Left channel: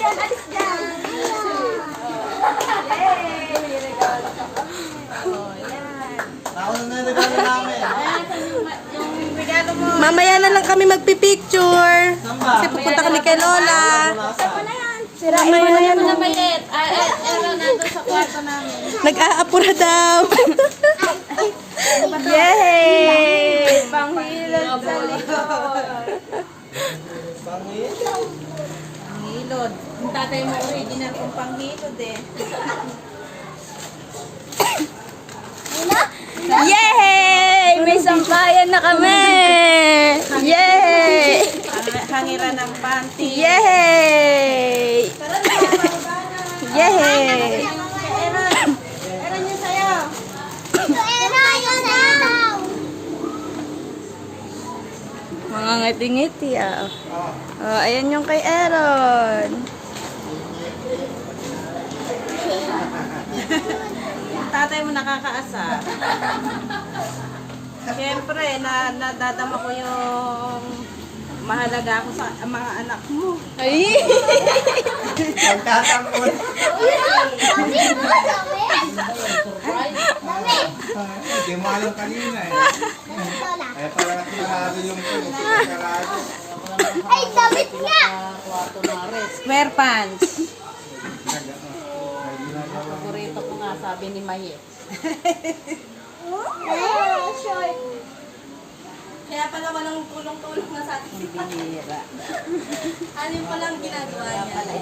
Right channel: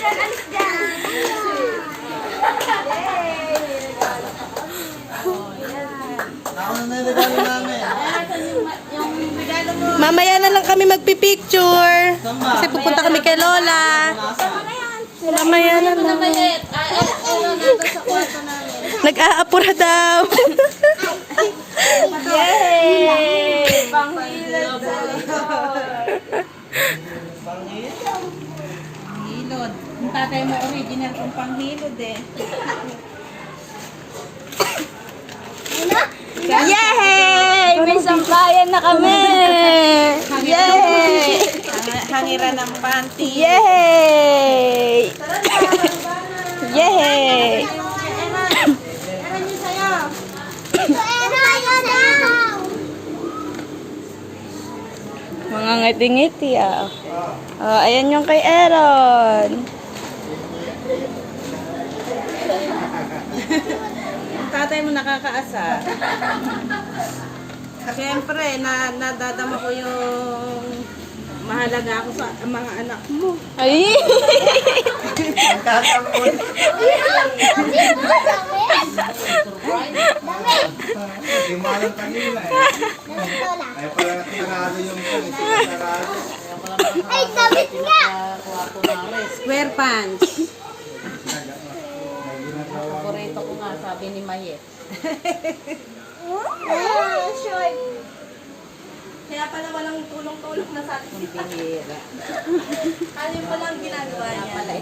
dyan, alis dyan. Yay! Regalo ka kami. Oh, yan. Nauna na yung regalo namin. Yung regalo mo. Mamaya na lang kami magpipicture. Saan ba? Kasi pupunta kami kay Lola. Tama na yan. Mamaya na lang. Malit. Ano natin sa kwarto namin. Nag-aapura daw. Yay! Panghilod sa likod. Panghilod. Yung tatay mo original kong panghilod eh. Yay! May sampayan na kami! Yay! Hangiran ng panty. Yay! Yay! Meron yun sa'yo. Mga ngiti-ngiti ah. Oh, ayan yung kay Aaron. Tatay mo nakakaasar. Siyempre, nadadama ko yung mahalaga ako sa mga anak mo. Ay! Magtatamon. Hindi mo alam kanina eh. Kaya pala natinarado yung tinarado. Ay, damit nga! Square pants. Paborito ko nga, sabi ni Maye. Short. Kaya pala walang tulong-tulong na sa atin. Bihira. Ano pala ang ginagawa niya? Pala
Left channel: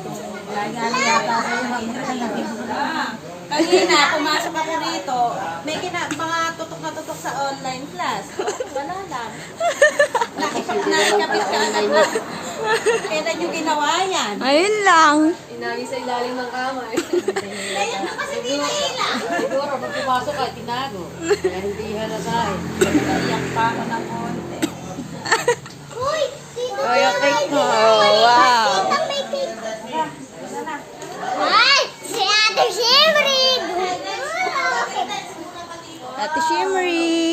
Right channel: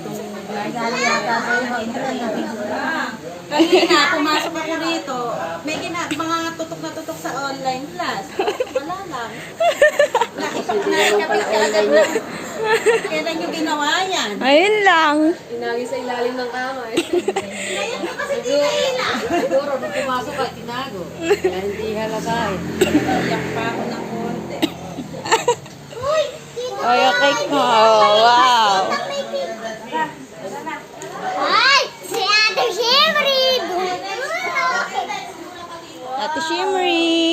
Kanina, pumasok ako rito. May mga tutok na tutok sa online class. Wala lang. Nakikapit ka agad na. Kailan yung ginawa yan? Ayun lang. Inagi sa ilalim ng kama eh. Ayun na kasi tinahila. Siguro, pag pumasok ka, tinago. Kaya hindi halata eh. Iyak pa ako ng konti. Uy, sino Ay, okay ko. Wow. may pink? Ay, si Ate Shimmery! Ate Shimmery.